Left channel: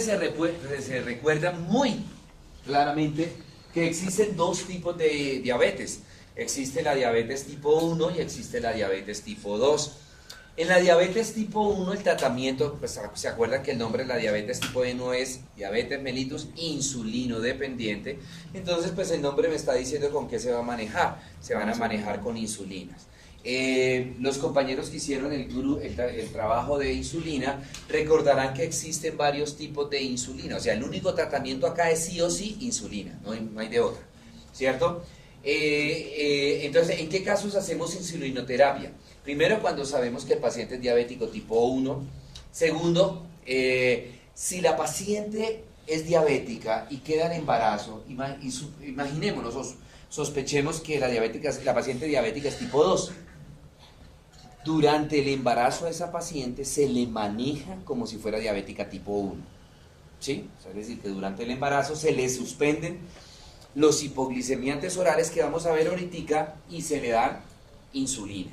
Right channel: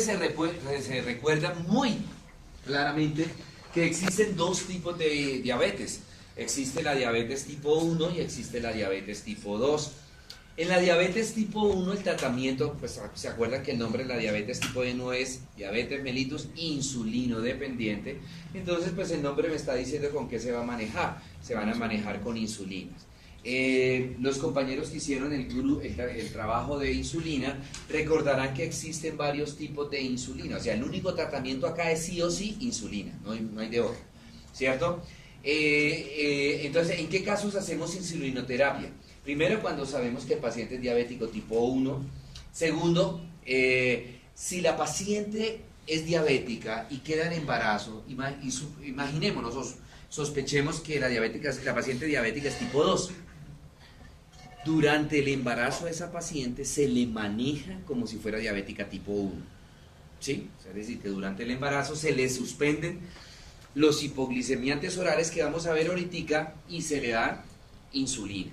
se recuerda muy claramente que existen dos tipos de diabetes. Existe la diabetes tipo 1 y existe la diabetes tipo 2. En la diabetes tipo 1 el tratamiento, pues se acuerdan que el nombre de la diabetes tipo 1 es diabetes mellitus insulino dependiente. Entonces pues el nombre me está diciendo con qué se va a manejar. Se van a manejar con insulinas. Los compañeros que hicieron el trabajo de insulina recordarán que existen varios tipos de insulina. O sea, el único tratamiento acá es sí o sí insulina, no hay de otra, ¿cierto? Entonces, ¿en qué casos hacemos insulinoterapia? Primero, cuando sabemos que el paciente es diabético tipo 1. Segundo, si la paciente es diabética y queda en embarazo, imaginémonos, sospechemos que la paciente diabética es tipo 2. Durante el embarazo a esa paciente se le maneja como si fuera diabética tipo 1. ¿Sí? O sea, es decir, que durante el embarazo se le suspenden los hipoglicemiantes orales que vamos a ver ahorita y se le dan insulina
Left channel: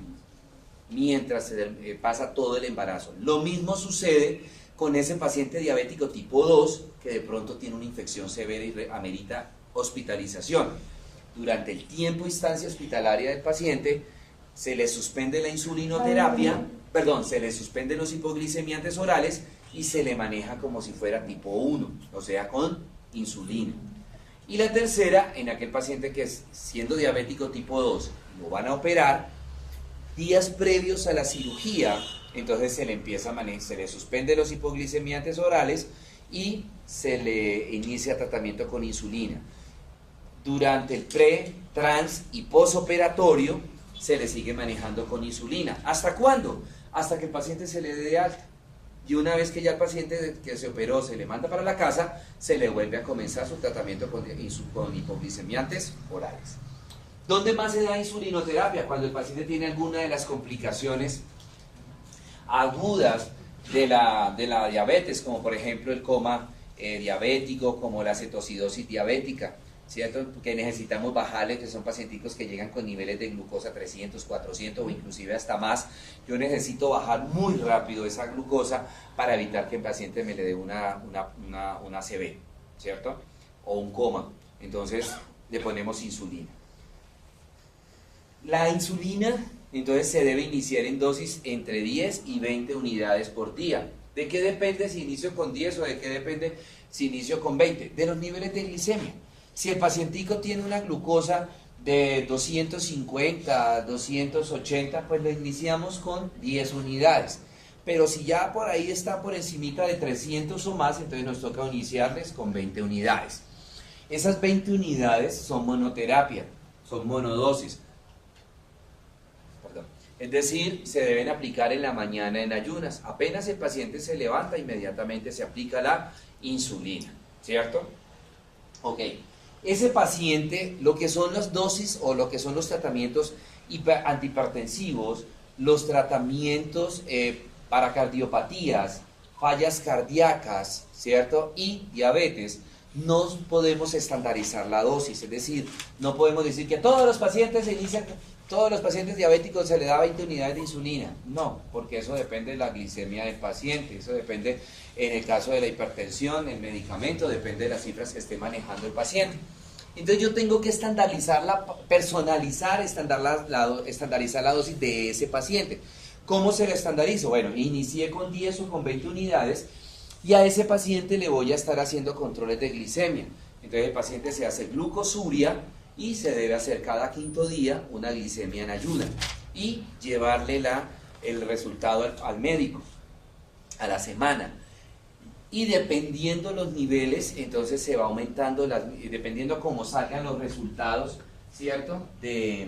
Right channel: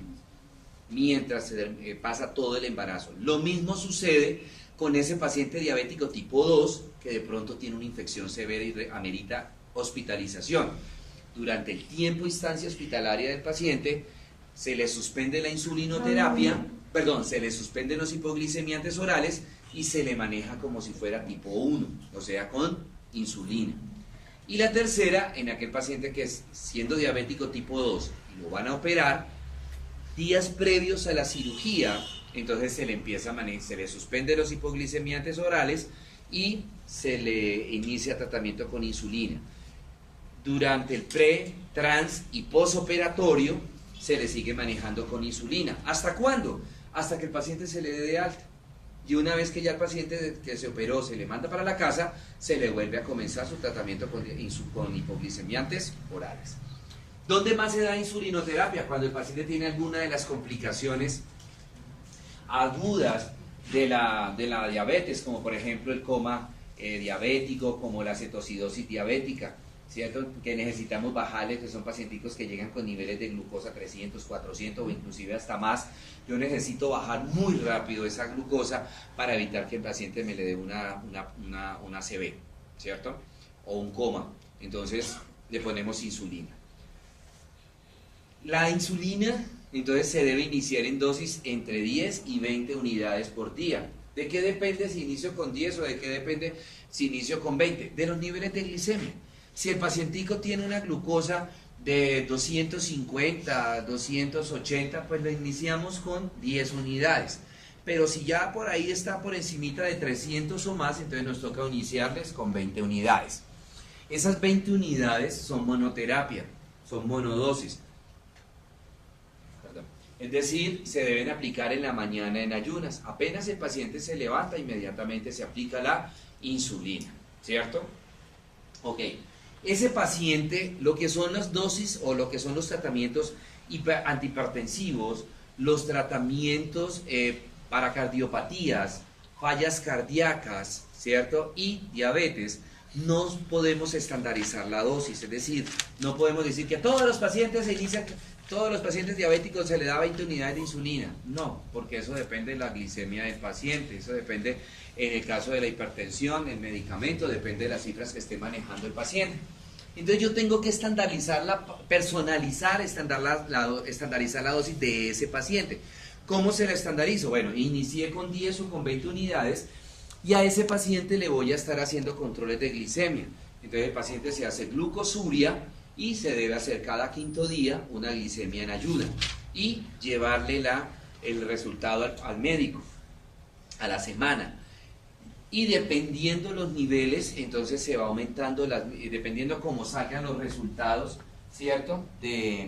mientras se pasa todo el embarazo. Lo mismo sucede con ese paciente diabético tipo 2 que de pronto tiene una infección severa y amerita hospitalización. Durante el tiempo instancia hospitalaria del paciente se le suspende la insulinoterapia, se le suspenden los hipoglicemiantes orales y se le maneja como si fuera tipo 1, o sea, con insulina. Y la tercera, en aquel paciente que es siendo diabético tipo 2 y lo van a operar, días previos a la cirugía, entonces se le empieza a manejar, se le suspende los hipoglicemiantes orales y se le inicia tratamiento con insulina. Durante el pre, trans y posoperatorio se le sigue manejando con insulina. ¿Hasta cuándo? Hasta que el paciente se le dé de alta. Y una vez que ya el paciente que se operó se le manda para la casa, se le vuelve a comenzar su tratamiento con hipoglicemiantes orales. ¿Dónde más se da insulinoterapia? Cuando el paciente tiene alguna de las complicaciones agudas de la diabetes, como por ejemplo el coma diabético, como la cetocidosis diabética, ¿cierto? Que necesitamos bajarle, que son pacienticos que llegan con niveles de glucosa 300, 400 o inclusive hasta más. Yo necesito bajar muy rápido esa glucosa para evitar que el paciente me le dé una ACV, ¿cierto? O un coma. Entonces le ponemos insulina. La insulina, entonces, se debe iniciar en dosis entre 10 y 20 unidades por día. ¿De qué depende si inicio con 10 o de qué depende si inicio con 20? De los niveles de glicemia. Si el pacientico tiene una glucosa de 250, 280, pues lo iniciamos con 10 unidades. Pero si ya por ahí está por encimita de 300 o más, entonces nos toca iniciarles con 20 unidades. Esas 20 unidades son monoterapia, son monodosis. Es decir, se deben aplicar en la mañana en ayunas. Apenas el paciente se levanta, inmediatamente se aplica la insulina, ¿cierto? Ok. Ese paciente, lo que son las dosis o lo que son los tratamientos antihipertensivos, los tratamientos para cardiopatías, fallas cardíacas, ¿cierto? Y diabetes, no podemos estandarizar la dosis, es decir, no podemos decir que a todos los pacientes diabéticos se le da 20 unidades de insulina. No, porque eso depende de la glicemia del paciente, eso depende, en el caso de la hipertensión, el medicamento, depende de las cifras que esté manejando el paciente. Entonces yo tengo que estandarizarla, estandarizar la dosis de ese paciente. ¿Cómo se la estandarizo? Bueno, inicié con 10 o con 20 unidades y a ese paciente le voy a estar haciendo controles de glicemia. Entonces el paciente se hace glucosuria y se debe hacer cada quinto día una glicemia en ayuda y llevarle el resultado al médico a la semana. Y dependiendo los niveles, entonces se va aumentando, dependiendo cómo salgan los resultados, ¿cierto? De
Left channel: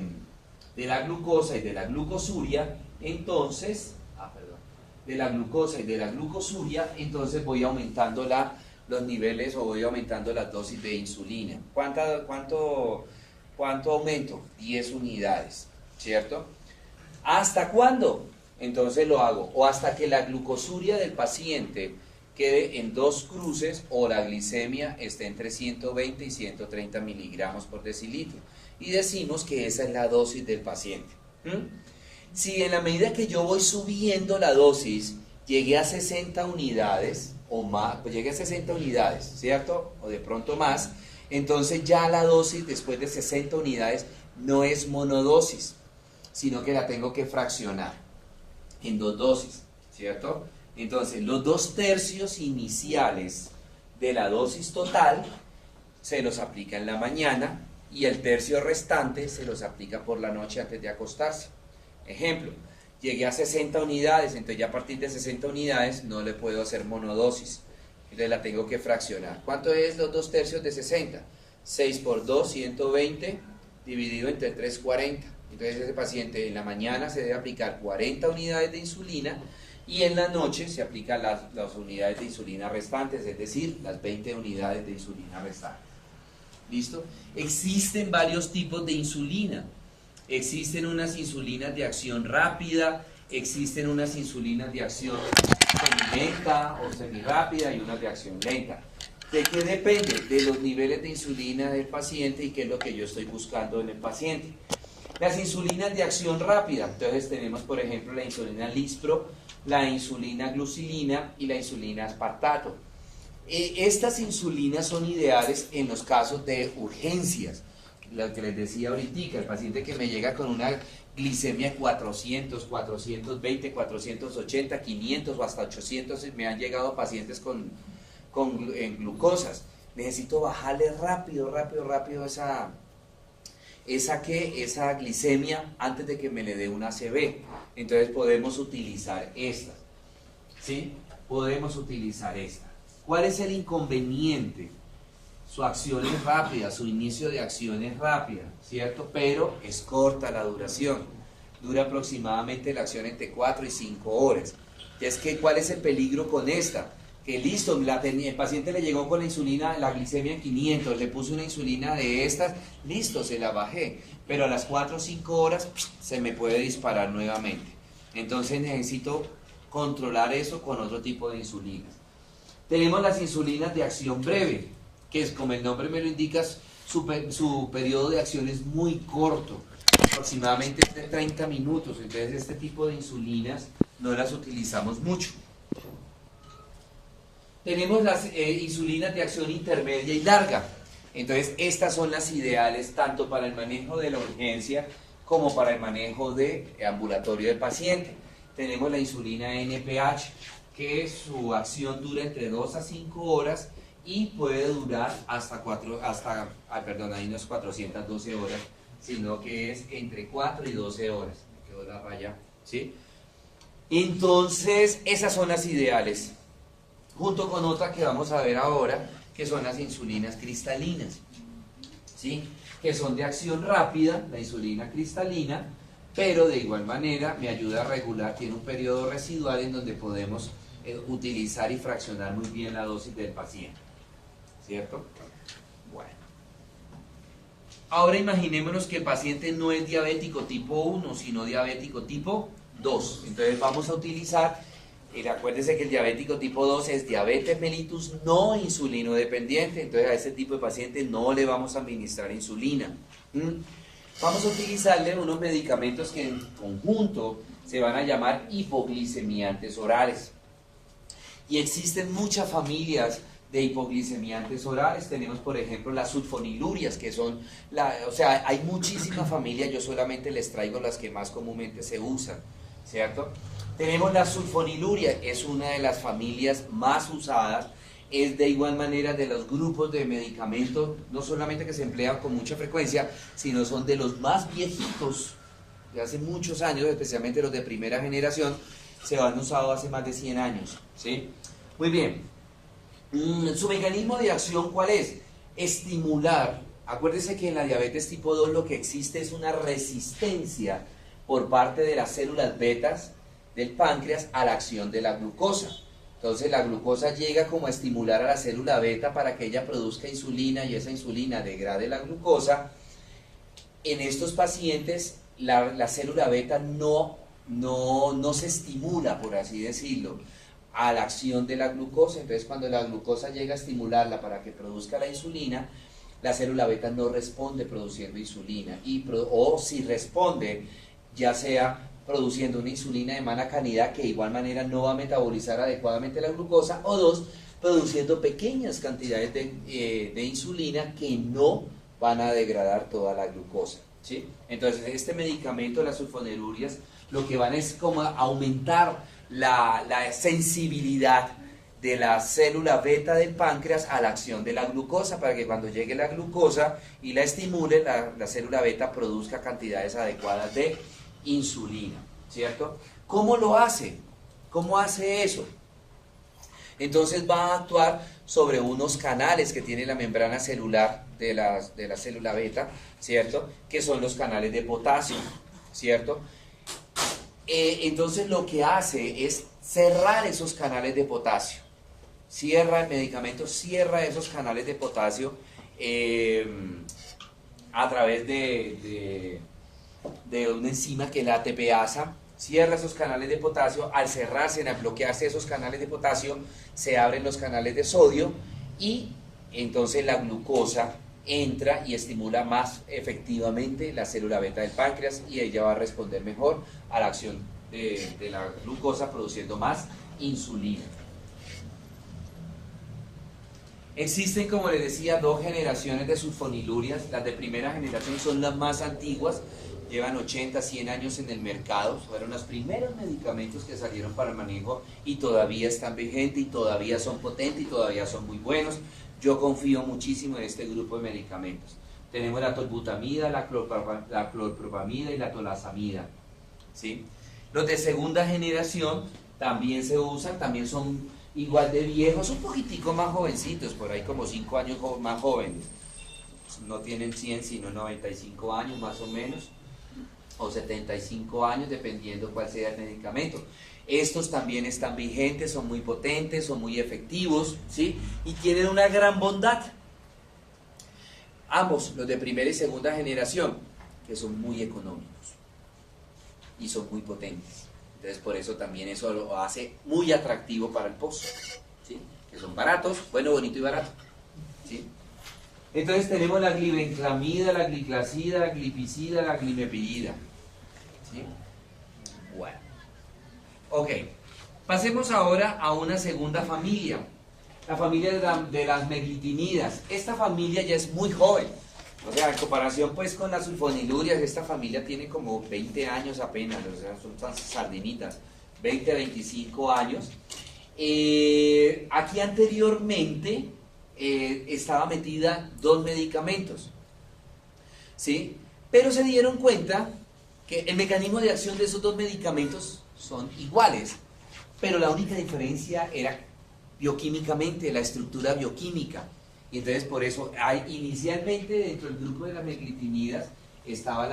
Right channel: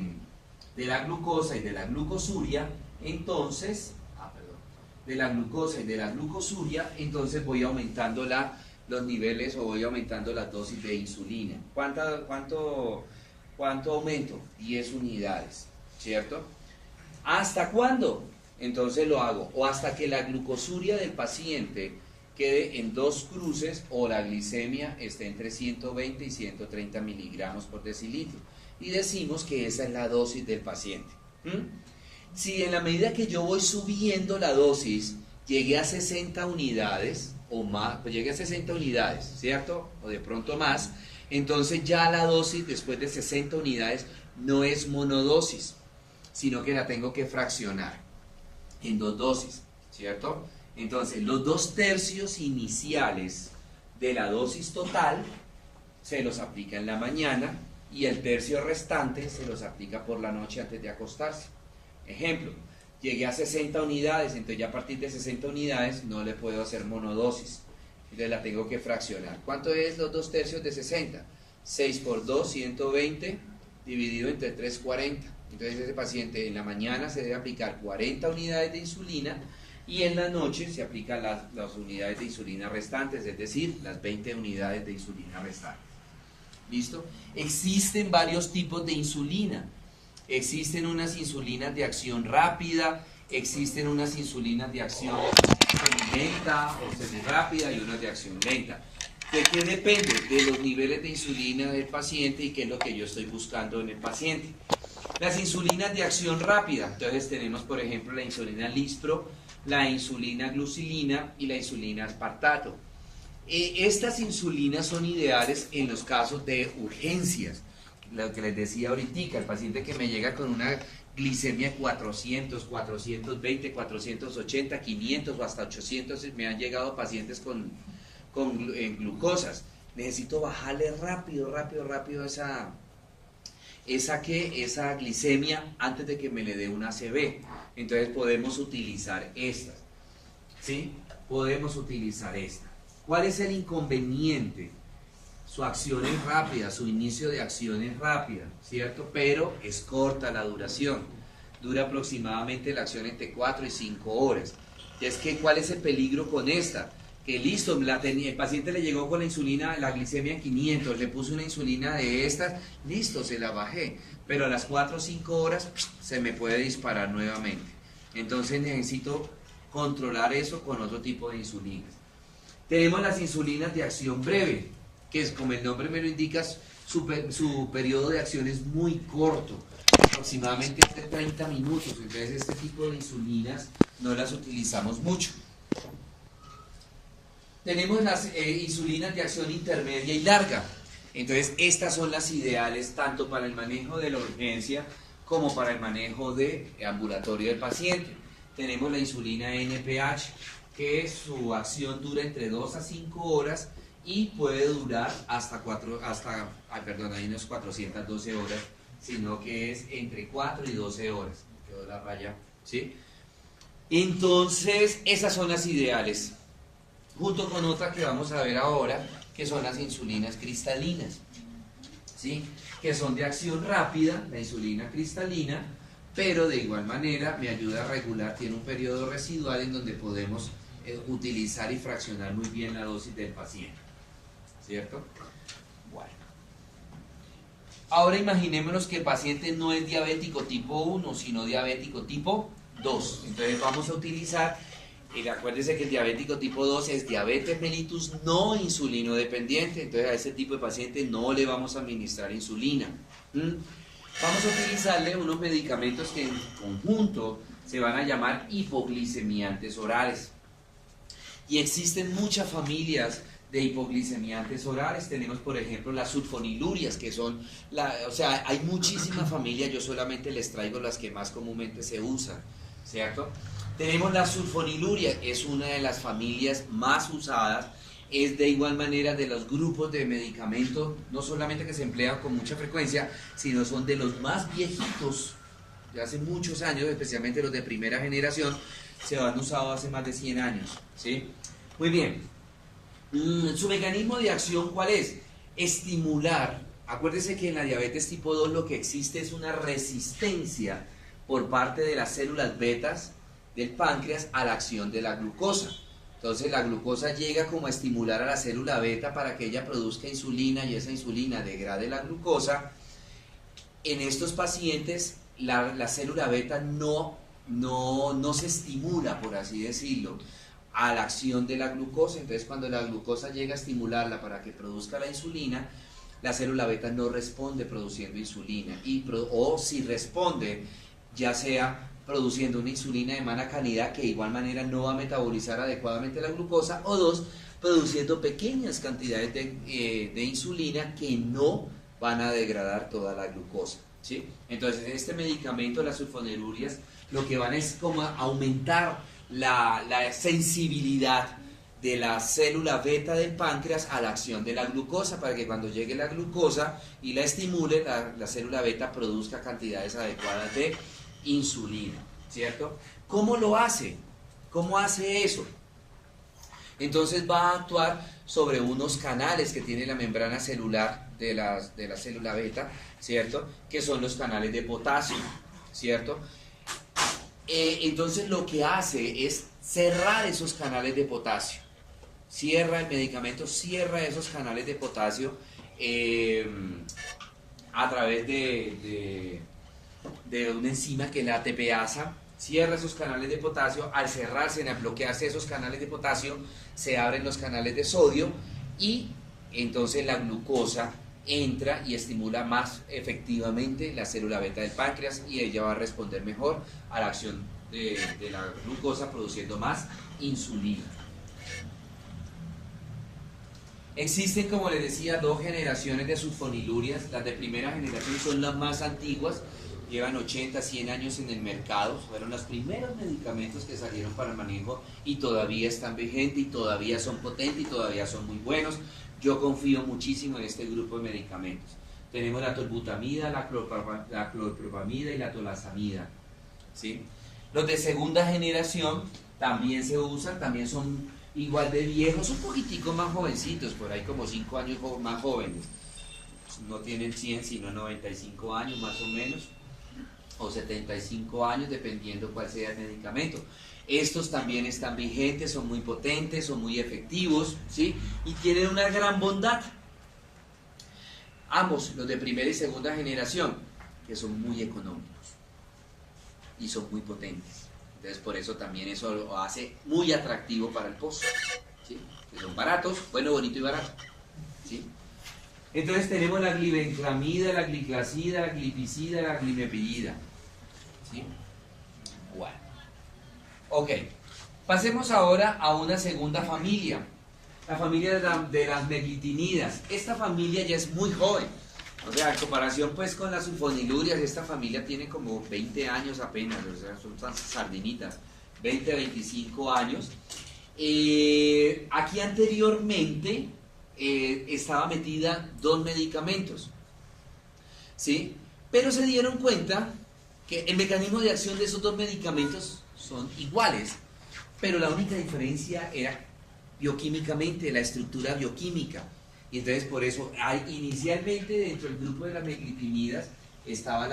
la glucosa y de la glucosuria, entonces, de la glucosa y de la glucosuria, entonces voy aumentando los niveles o voy aumentando las dosis de insulina. ¿Cuánto aumento? 10 unidades, ¿cierto? ¿Hasta cuándo? Entonces lo hago, o hasta que la glucosuria del paciente quede en 2 cruces o la glicemia esté entre 120 y 130 miligramos por decilitro. Y decimos que esa es la dosis del paciente. Si en la medida que yo voy subiendo la dosis, llegué a 60 unidades o más, pues llegué a 60 unidades, ¿cierto? O de pronto más, entonces ya la dosis después de 60 unidades no es monodosis, sino que la tengo que fraccionar en 2 dosis, ¿cierto? Entonces los 2/3 iniciales de la dosis total se los aplica en la mañana y el tercio restante se los aplica por la noche antes de acostarse. Ejemplo, llegué a 60 unidades, entonces ya a partir de 60 unidades no le puedo hacer monodosis, entonces la tengo que fraccionar. ¿Cuánto es los 2/3 de 60? 6 por 2, 120, dividido entre 3, 40. Entonces ese paciente en la mañana se debe aplicar 40 unidades de insulina y en la noche se aplican las unidades de insulina restantes, es decir, las 20 unidades de insulina restantes. ¿Listo? Existen varios tipos de insulina. Existen unas insulinas de acción rápida, existen unas insulinas de acción lenta o semirápida y unas de acción lenta. ¿De qué depende? De los niveles de insulina del paciente y qué es lo que yo estoy buscando en el paciente. Las insulinas de acción rápida, entonces tenemos por ejemplo la insulina Lispro, la insulina glucilina y la insulina aspartato. Estas insulinas son ideales en los casos de urgencias, lo que les decía ahorita, el paciente que me llega con una glicemia 400, 420, 480, 500 o hasta 800, me han llegado pacientes con glucosas, necesito bajarle rápido esa glicemia antes de que me le dé una ACV. Entonces podemos utilizar estas, ¿sí? Podemos utilizar esta. ¿Cuál es el inconveniente? Su acción es rápida, su inicio de acción es rápida, ¿cierto? Pero es corta la duración. Dura aproximadamente la acción entre 4 y 5 horas. Entonces, ¿cuál es el peligro con esta? Que listo, el paciente le llegó con la insulina, la glicemia en 500, le puse una insulina de estas, listo, se la bajé, pero a las 4 o 5 horas se me puede disparar nuevamente. Entonces necesito controlar eso con otro tipo de insulinas. Tenemos las insulinas de acción breve, que es como el nombre me lo indica, su periodo de acción es muy corto, aproximadamente de 30 minutos, entonces este tipo de insulinas no las utilizamos mucho. Tenemos las insulinas de acción intermedia y larga. Entonces, estas son las ideales tanto para el manejo de la urgencia como para el manejo de ambulatorio del paciente. Tenemos la insulina NPH, que su acción dura entre 2 a 5 horas y puede durar ahí no es 412 horas, sino que es entre 4 y 12 horas. Me quedó la raya, ¿sí? Entonces, esas son las ideales, junto con otra que vamos a ver ahora, que son las insulinas cristalinas, ¿sí? Que son de acción rápida, la insulina cristalina, pero de igual manera me ayuda a regular, tiene un periodo residual en donde podemos utilizar y fraccionar muy bien la dosis del paciente, ¿cierto? Bueno, ahora imaginémonos que el paciente no es diabético tipo 1, sino diabético tipo 2, entonces vamos a utilizar. Y acuérdense que el diabético tipo 2 es diabetes mellitus no insulino dependiente, entonces a ese tipo de paciente no le vamos a administrar insulina. Vamos a utilizarle unos medicamentos que en conjunto se van a llamar hipoglicemiantes orales. Y existen muchas familias de hipoglicemiantes orales. Tenemos por ejemplo las sulfonilurias, que son, hay muchísimas familias, yo solamente les traigo las que más comúnmente se usan, ¿cierto? Tenemos la sulfoniluria, es una de las familias más usadas, es de igual manera de los grupos de medicamentos, no solamente que se emplean con mucha frecuencia, sino son de los más viejitos, de hace muchos años, especialmente los de primera generación, se han usado hace más de 100 años, ¿sí? Muy bien, su mecanismo de acción, ¿cuál es? Estimular. Acuérdense que en la diabetes tipo 2 lo que existe es una resistencia por parte de las células betas del páncreas a la acción de la glucosa. Entonces la glucosa llega como a estimular a la célula beta para que ella produzca insulina y esa insulina degrade la glucosa. En estos pacientes la célula beta no se estimula, por así decirlo, a la acción de la glucosa. Entonces cuando la glucosa llega a estimularla para que produzca la insulina, la célula beta no responde produciendo insulina, o si responde, ya sea produciendo una insulina de mala calidad que de igual manera no va a metabolizar adecuadamente la glucosa, o dos, produciendo pequeñas cantidades de insulina que no van a degradar toda la glucosa, ¿sí? Entonces este medicamento, las sulfonilurias, lo que van es como a aumentar la sensibilidad de la célula beta del páncreas a la acción de la glucosa, para que cuando llegue la glucosa y la estimule, la célula beta produzca cantidades adecuadas de insulina, ¿cierto? ¿Cómo lo hace? ¿Cómo hace eso? Entonces va a actuar sobre unos canales que tiene la membrana celular de la célula beta, ¿cierto? Que son los canales de potasio, ¿cierto? Entonces lo que hace es cerrar esos canales de potasio. Cierra el medicamento, cierra esos canales de potasio a través de una enzima que es la ATPasa. Cierra esos canales de potasio. Al cerrarse, al bloquearse esos canales de potasio, se abren los canales de sodio y entonces la glucosa entra y estimula más efectivamente la célula beta del páncreas, y ella va a responder mejor a la acción de la glucosa, produciendo más insulina. Existen, como les decía, dos generaciones de sulfonilurias. Las de primera generación son las más antiguas, llevan 80, 100 años en el mercado, fueron los primeros medicamentos que salieron para el manejo y todavía están vigentes y todavía son potentes y todavía son muy buenos. Yo confío muchísimo en este grupo de medicamentos. Tenemos la tolbutamida, la clorpropamida y la tolazamida, ¿sí? Los de segunda generación también se usan, también son igual de viejos, un poquitico más jovencitos, por ahí como 5 años más jóvenes. No tienen 100 sino 95 años más o menos, o 75 años, dependiendo cuál sea el medicamento. Estos también están vigentes, son muy potentes, son muy efectivos, ¿sí? Y tienen una gran bondad. Ambos, los de primera y segunda generación, que son muy económicos y son muy potentes. Entonces por eso también eso lo hace muy atractivo para el pozo, ¿sí? Que son baratos, bueno, bonito y barato, ¿sí? Entonces tenemos la glibenclamida, la gliclazida, la glipizida, la glimepirida, ¿sí? Bueno, ok, pasemos ahora a una segunda familia, la familia de las meglitinidas. Esta familia ya es muy joven, o sea, en comparación pues con las sulfonilurias, esta familia tiene como 20 años apenas, o sea, son tan sardinitas, 20, 25 años. Aquí anteriormente estaba metida dos medicamentos, ¿sí? Pero se dieron cuenta que el mecanismo de acción de esos dos medicamentos son iguales, pero la única diferencia era bioquímicamente, la estructura bioquímica. Y entonces por eso inicialmente dentro del grupo de las meglitinidas estaba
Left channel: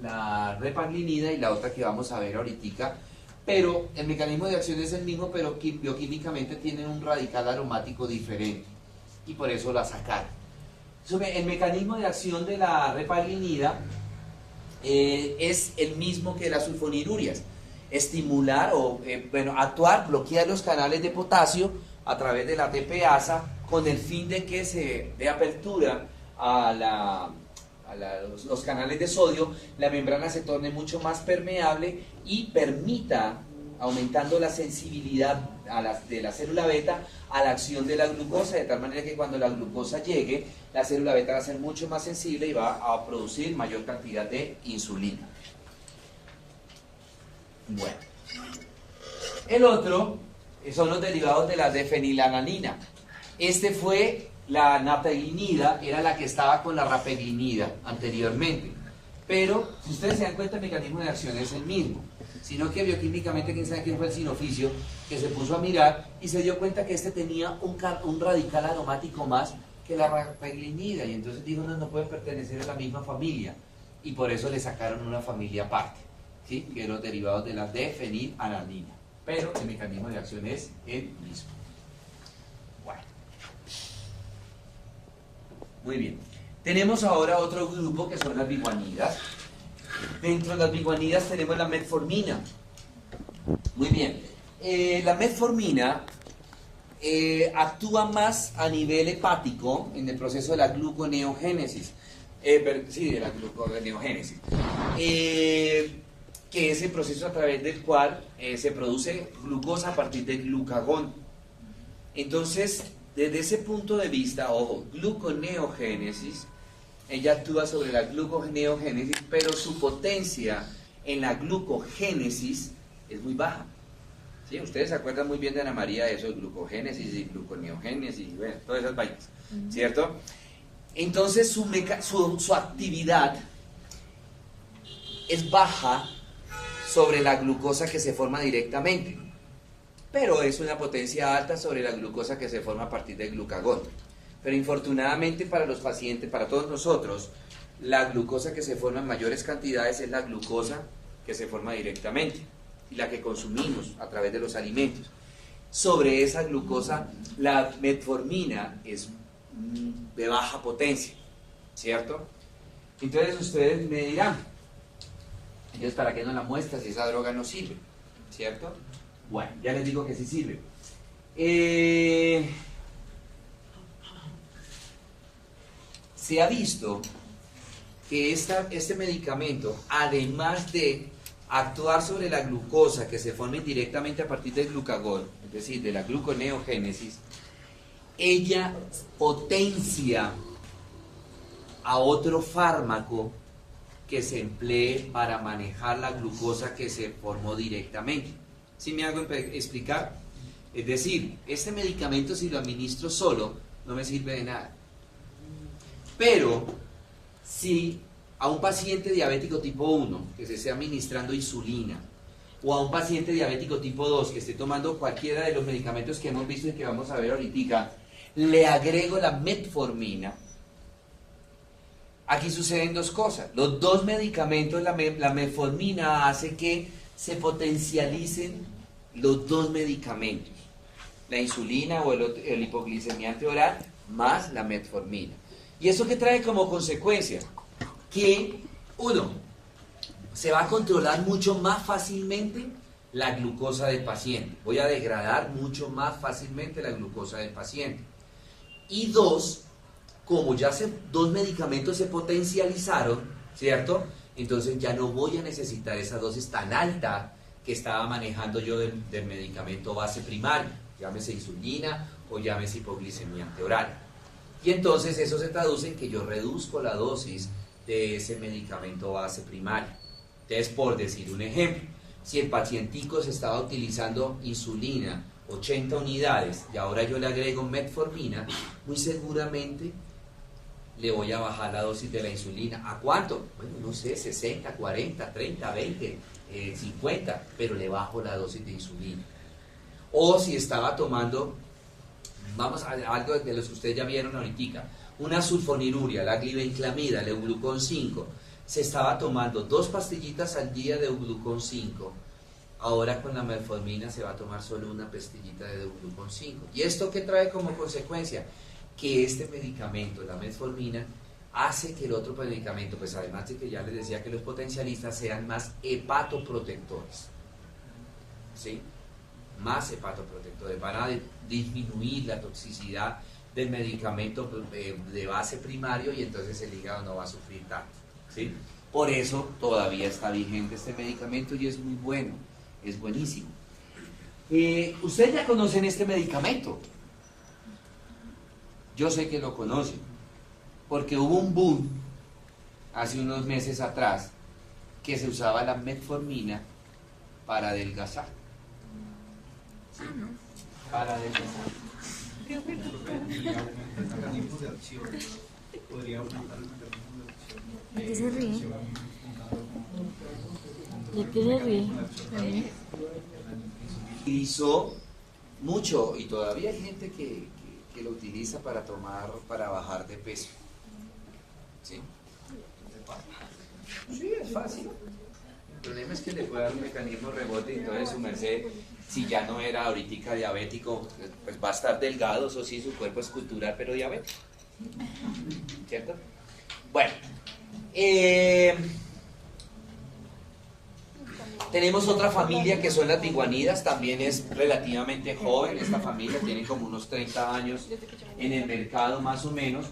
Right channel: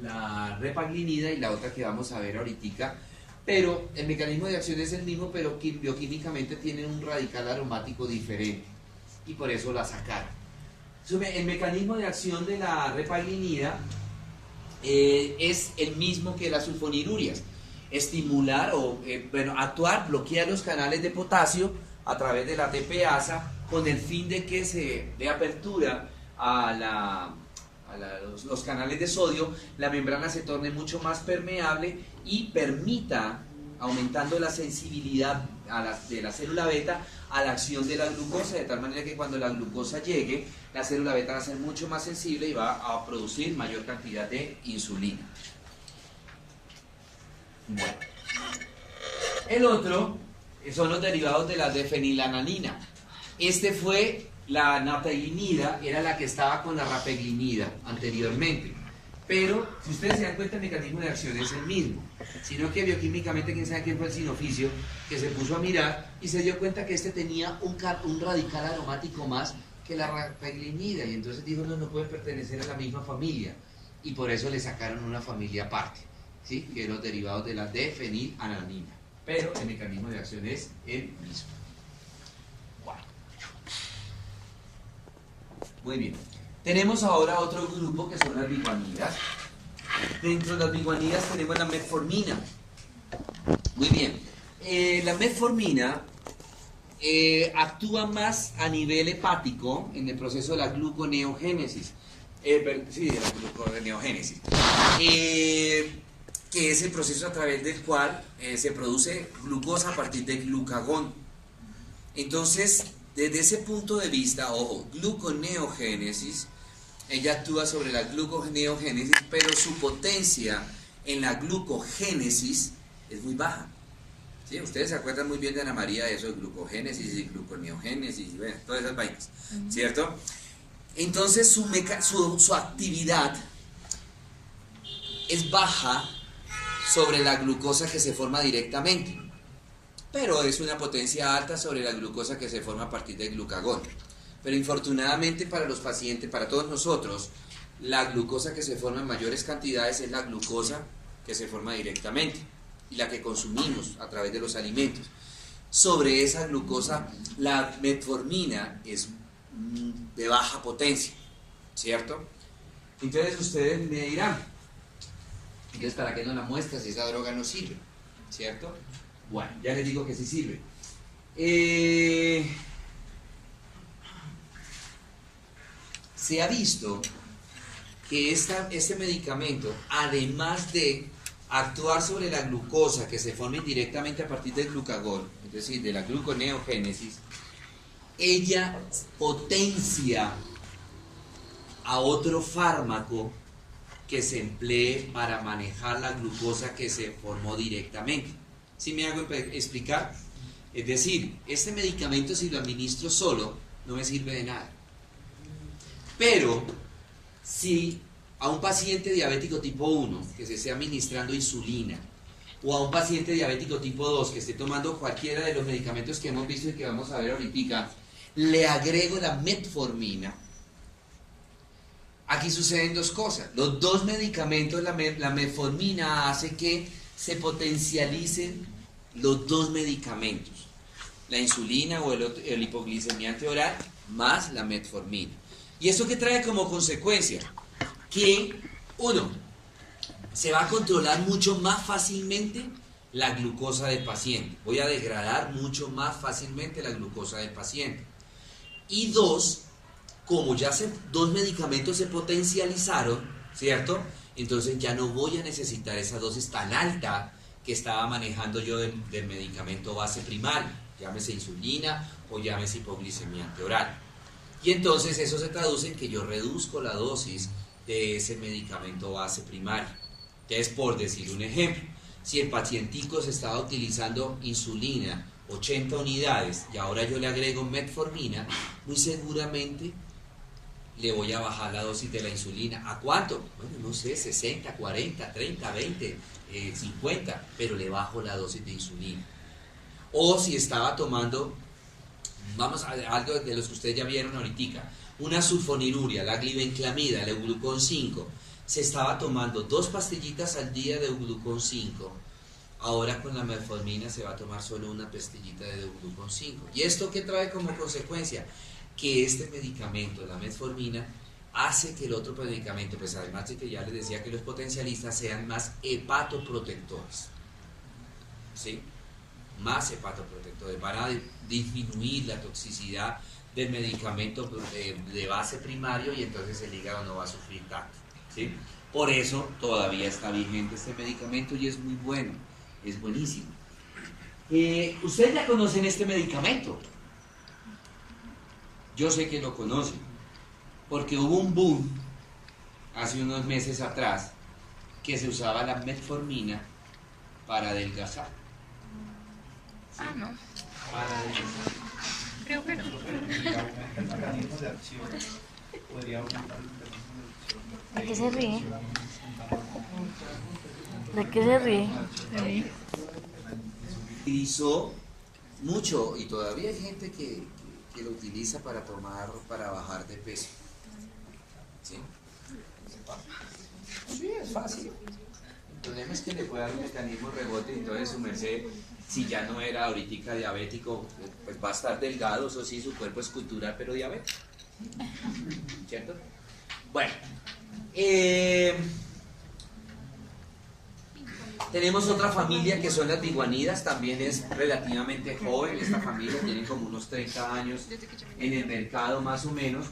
la repaglinida y la otra que vamos a ver ahorita, pero el mecanismo de acción es el mismo, pero bioquímicamente tienen un radical aromático diferente y por eso la sacaron. El mecanismo de acción de la repaglinida es el mismo que las sulfonilurias: estimular actuar, bloquear los canales de potasio a través de la ATPasa, con el fin de que se dé apertura a los canales de sodio, la membrana se torne mucho más permeable y permita, aumentando la sensibilidad de la célula beta a la acción de la glucosa, de tal manera que cuando la glucosa llegue, la célula beta va a ser mucho más sensible y va a producir mayor cantidad de insulina. Bueno, el otro son los derivados de la fenilalanina. Este fue la nataglinida, era la que estaba con la rapaglinida anteriormente. Pero, si ustedes se dan cuenta, el mecanismo de acción es el mismo. Sino que bioquímicamente, quién sabe quién fue el sinoficio, que se puso a mirar y se dio cuenta que este tenía un radical aromático más que la rapaglinida. Y entonces dijo, no puede pertenecer a la misma familia. Y por eso le sacaron una familia aparte, ¿sí? Que eran los derivados de la fenilalanina. Pero el mecanismo de acción es el mismo. Bueno. Muy bien. Tenemos ahora otro grupo que son las biguanidas. Dentro de las biguanidas tenemos la metformina. Muy bien. La metformina actúa más a nivel hepático en el proceso de la gluconeogénesis. Sí, de la gluconeogénesis. que es el proceso a través del cual se produce glucosa a partir del glucagón. Entonces, desde ese punto de vista, ojo, gluconeogénesis, ella actúa sobre la gluconeogénesis, pero su potencia en la glucogénesis es muy baja. ¿Sí? Ustedes se acuerdan muy bien de Ana María de eso, de glucogénesis y gluconeogénesis, y bueno, todas esas vainas, ¿cierto? Entonces su actividad es baja sobre la glucosa que se forma directamente, pero es una potencia alta sobre la glucosa que se forma a partir del glucagón. Pero infortunadamente para los pacientes, para todos nosotros, la glucosa que se forma en mayores cantidades es la glucosa que se forma directamente y la que consumimos a través de los alimentos. Sobre esa glucosa, la metformina es de baja potencia, ¿cierto? Entonces ustedes me dirán, entonces ¿para qué no la muestra si esa droga no sirve? ¿Cierto? Bueno, ya les digo que sí sirve. Se ha visto que este medicamento, además de actuar sobre la glucosa que se forma indirectamente a partir del glucagón, es decir, de la gluconeogénesis, ella potencia a otro fármaco que se emplee para manejar la glucosa que se formó directamente. ¿Sí me hago explicar? Es decir, este medicamento si lo administro solo no me sirve de nada. Pero si a un paciente diabético tipo 1 que se esté administrando insulina, o a un paciente diabético tipo 2 que esté tomando cualquiera de los medicamentos que hemos visto y que vamos a ver ahorita, le agrego la metformina, aquí suceden dos cosas. Los dos medicamentos, la metformina hace que se potencialicen los dos medicamentos, la insulina o el hipoglicemiante oral más la metformina. ¿Y esto qué trae como consecuencia? Que, uno, se va a controlar mucho más fácilmente la glucosa del paciente. Voy a degradar mucho más fácilmente la glucosa del paciente. Y dos, como ya dos medicamentos se potencializaron, ¿cierto? Entonces ya no voy a necesitar esa dosis tan alta que estaba manejando yo del medicamento base primario, llámese insulina o llámese hipoglicemiante oral. Y entonces eso se traduce en que yo reduzco la dosis de ese medicamento base primario. Entonces, por decir un ejemplo, si el pacientico se estaba utilizando insulina 80 unidades y ahora yo le agrego metformina, muy seguramente le voy a bajar la dosis de la insulina. ¿A cuánto? Bueno, no sé, 60, 40, 30, 20, 50, pero le bajo la dosis de insulina. O si estaba tomando, vamos a ver algo de los que ustedes ya vieron ahorita, una sulfoniluria, la glibenclamida, el Euglucón 5, se estaba tomando 2 pastillitas al día de Euglucón 5, ahora con la metformina se va a tomar solo una pastillita de Euglucón 5. ¿Y esto qué trae como consecuencia? Que este medicamento, la metformina, hace que el otro medicamento, pues además de que ya les decía que los potencialistas sean más hepatoprotectores, ¿sí? Más hepatoprotectores, van a disminuir la toxicidad del medicamento de base primario y entonces el hígado no va a sufrir tanto, ¿sí? Por eso todavía está vigente este medicamento y es muy bueno, es buenísimo. Ustedes ya conocen este medicamento. Yo sé que lo conocen, porque hubo un boom hace unos meses atrás que se usaba la metformina para adelgazar. ¿Sí? Ah, no. Para adelgazar. Creo que no. ¿De qué se ríe? ¿De qué se ríe? Utilizó mucho y todavía hay gente que lo utiliza para para bajar de peso. ¿Sí? Sí, es fácil. El problema es que le puede dar un mecanismo rebote y entonces su merced, si ya no era ahorita diabético, pues va a estar delgado, eso sí, su cuerpo es cultural, pero diabético. ¿Cierto? Bueno, tenemos otra familia que son las biguanidas, también es relativamente joven, esta familia tiene como unos 30 años en el mercado más o menos.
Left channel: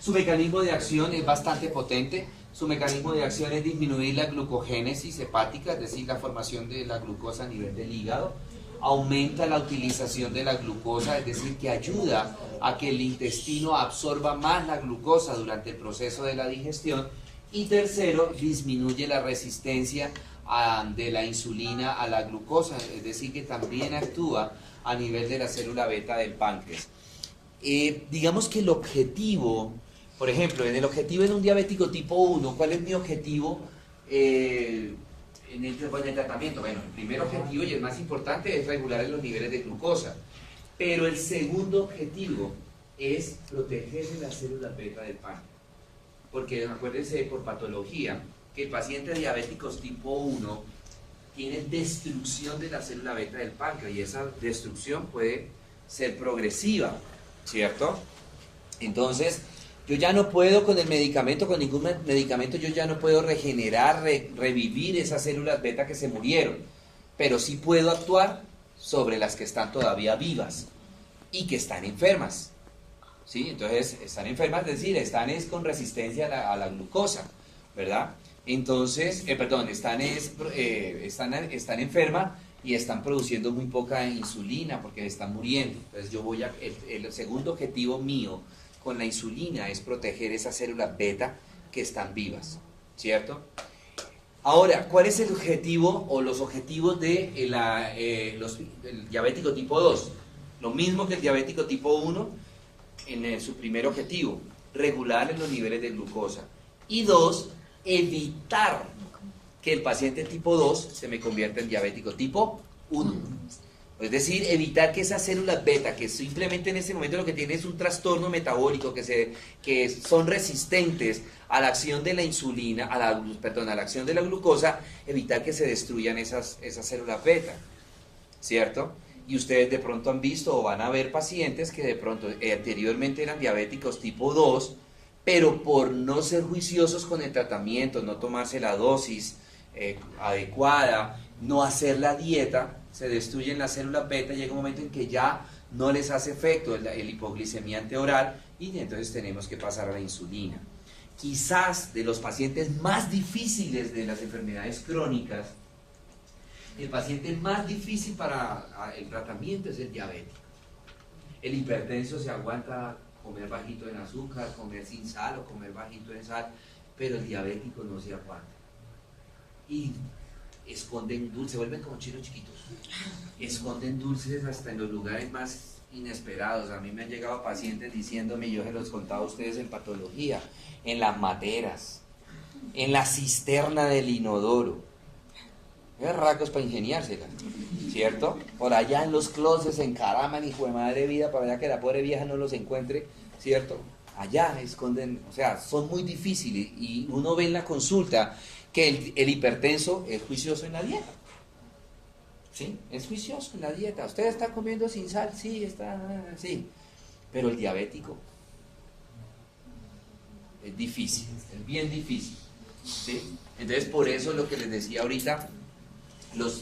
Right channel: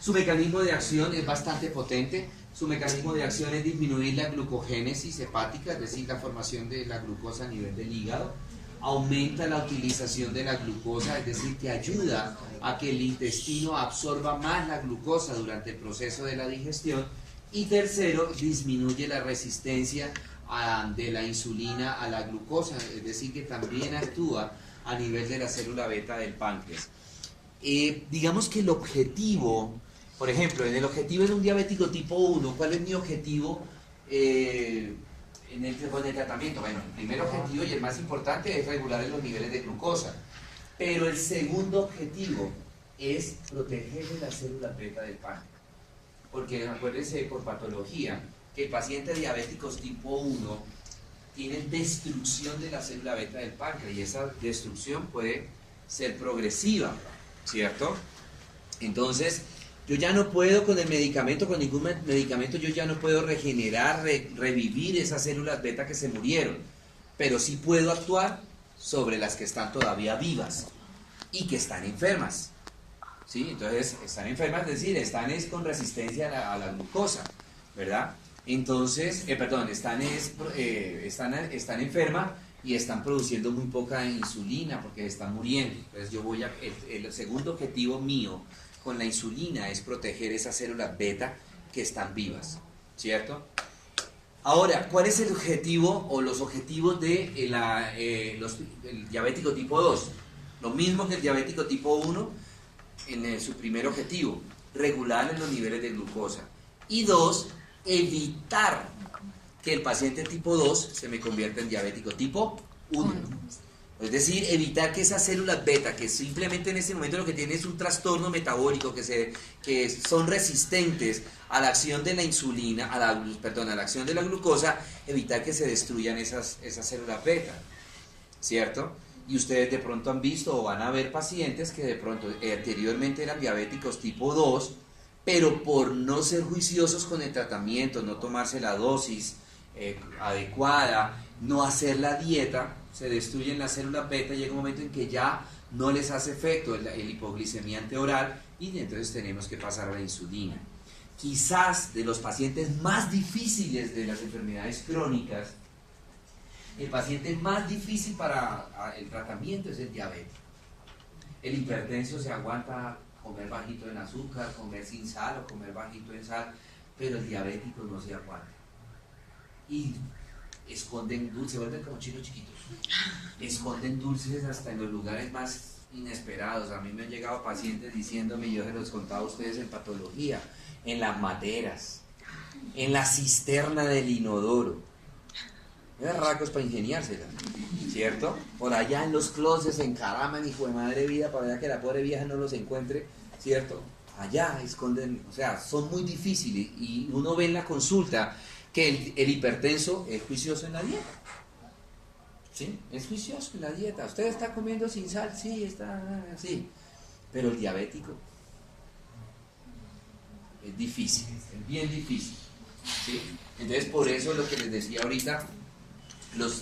Su mecanismo de acción es bastante potente, Su mecanismo de acción es disminuir la glucogénesis hepática, es decir, la formación de la glucosa a nivel del hígado. Aumenta la utilización de la glucosa, es decir, que ayuda a que el intestino absorba más la glucosa durante el proceso de la digestión. Y tercero, disminuye la resistencia de la insulina a la glucosa, es decir, que también actúa a nivel de la célula beta del páncreas. Digamos que el objetivo, por ejemplo, en el objetivo en un diabético tipo 1, ¿cuál es mi objetivo en el tratamiento? Bueno, el primer objetivo y el más importante es regular los niveles de glucosa, pero el segundo objetivo es proteger la célula beta del páncreas, porque acuérdense por patología que pacientes diabéticos tipo 1 tienen destrucción de la célula beta del páncreas y esa destrucción puede ser progresiva, ¿cierto? Entonces, yo ya no puedo con el medicamento, con ningún medicamento, yo ya no puedo regenerar, revivir esas células beta que se murieron, pero sí puedo actuar sobre las que están todavía vivas y que están enfermas, ¿sí? Entonces, están enfermas, es decir, están con resistencia a la glucosa, ¿verdad? Entonces, están enfermas y están produciendo muy poca insulina porque están muriendo. Entonces, el segundo objetivo mío con la insulina es proteger esas células beta que están vivas, ¿cierto? Ahora, ¿cuál es el objetivo o los objetivos del diabético tipo 2? Lo mismo que el diabético tipo 1 en su primer objetivo, regular los niveles de glucosa. Y 2, evitar que el paciente tipo 2 se me convierta en diabético tipo 1. Es decir, evitar que esas células beta, que simplemente en ese momento lo que tienen es un trastorno metabólico, que son resistentes a la acción de la insulina, a la acción de la glucosa, evitar que se destruyan esas células beta, ¿cierto? Y ustedes de pronto han visto o van a ver pacientes que de pronto anteriormente eran diabéticos tipo 2, pero por no ser juiciosos con el tratamiento, no tomarse la dosis adecuada, no hacer la dieta, se destruyen las células beta y llega un momento en que ya no les hace efecto el hipoglicemiante oral y entonces tenemos que pasar a la insulina. Quizás de los pacientes más difíciles de las enfermedades crónicas, el paciente más difícil para el tratamiento es el diabético. El hipertenso se aguanta comer bajito en azúcar, comer sin sal o comer bajito en sal, pero el diabético no se aguanta. Y esconden dulces, se vuelven como chinos chiquitos. Esconden dulces hasta en los lugares más inesperados. A mí me han llegado pacientes diciéndome, yo se los contaba a ustedes en patología, en las materas, en la cisterna del inodoro. Es racos para ingeniársela, ¿cierto? Por allá en los closets se encaraman, hijo de madre vida, para allá que la pobre vieja no los encuentre, ¿cierto? Allá esconden, o sea, son muy difíciles y uno ve en la consulta que el hipertenso es juicioso en la dieta. ¿Sí? Es juicioso en la dieta. ¿Usted está comiendo sin sal? Sí, sí. Pero el diabético es difícil, es bien difícil, ¿sí? Entonces, por eso lo que les decía ahorita,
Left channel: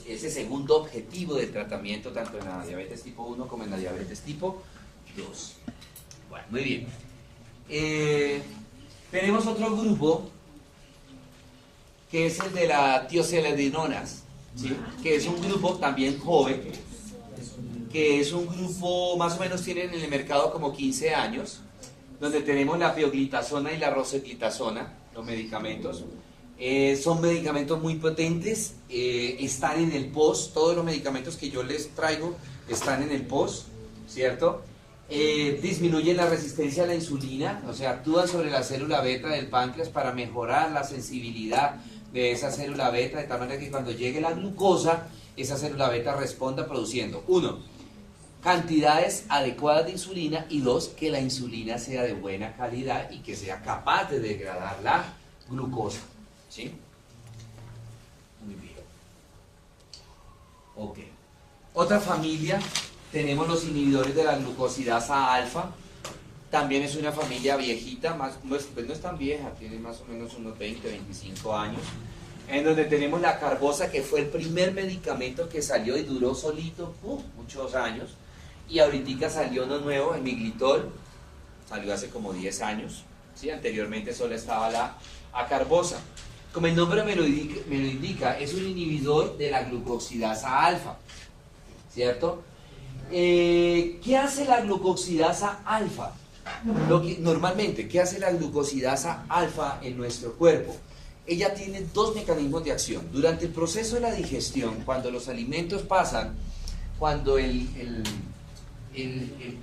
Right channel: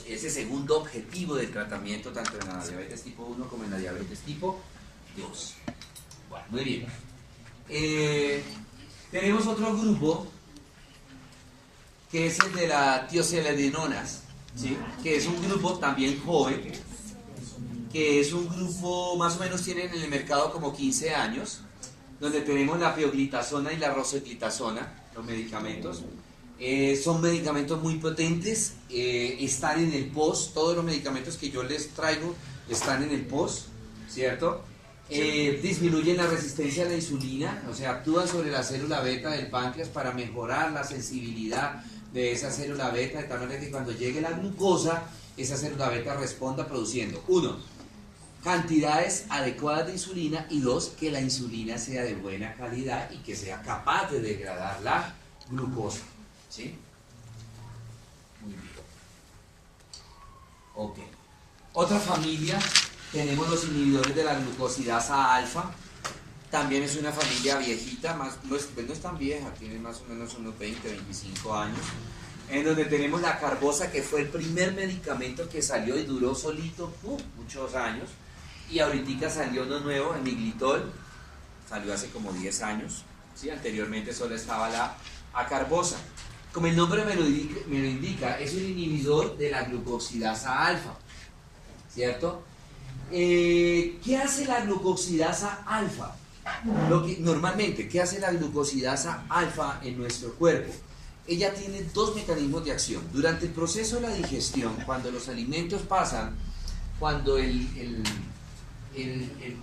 ese segundo objetivo del tratamiento, tanto en la diabetes tipo 1 como en la diabetes tipo 2. Bueno, muy bien. Tenemos otro grupo que es el de la tioceladinonas, ¿sí? Que es un grupo también joven, que es un grupo, más o menos tienen en el mercado como 15 años, donde tenemos la pioglitazona y la rosuglitazona, los medicamentos. Son medicamentos muy potentes, están en el POS, todos los medicamentos que yo les traigo están en el POS, ¿cierto? Disminuyen la resistencia a la insulina, o sea, actúan sobre la célula beta del páncreas para mejorar la sensibilidad de esa célula beta, de tal manera que cuando llegue la glucosa, esa célula beta responda produciendo, 1, cantidades adecuadas de insulina, y 2, que la insulina sea de buena calidad y que sea capaz de degradar la glucosa. ¿Sí? Muy bien. Ok. Otra familia, tenemos los inhibidores de la glucosidasa alfa. También es una familia viejita, no es tan vieja, tiene más o menos unos 20, 25 años. En donde tenemos la carbosa, que fue el primer medicamento que salió y duró solito muchos años. Y ahorita salió uno nuevo, el miglitol, salió hace como 10 años. ¿Sí? Anteriormente solo estaba la acarbosa. Como el nombre me lo indica, es un inhibidor de la glucosidasa alfa, ¿cierto? ¿Qué hace la glucosidasa alfa? Normalmente, ¿qué hace la glucosidasa alfa en nuestro cuerpo? Ella tiene dos mecanismos de acción. Durante el proceso de la digestión, cuando los alimentos pasan, cuando el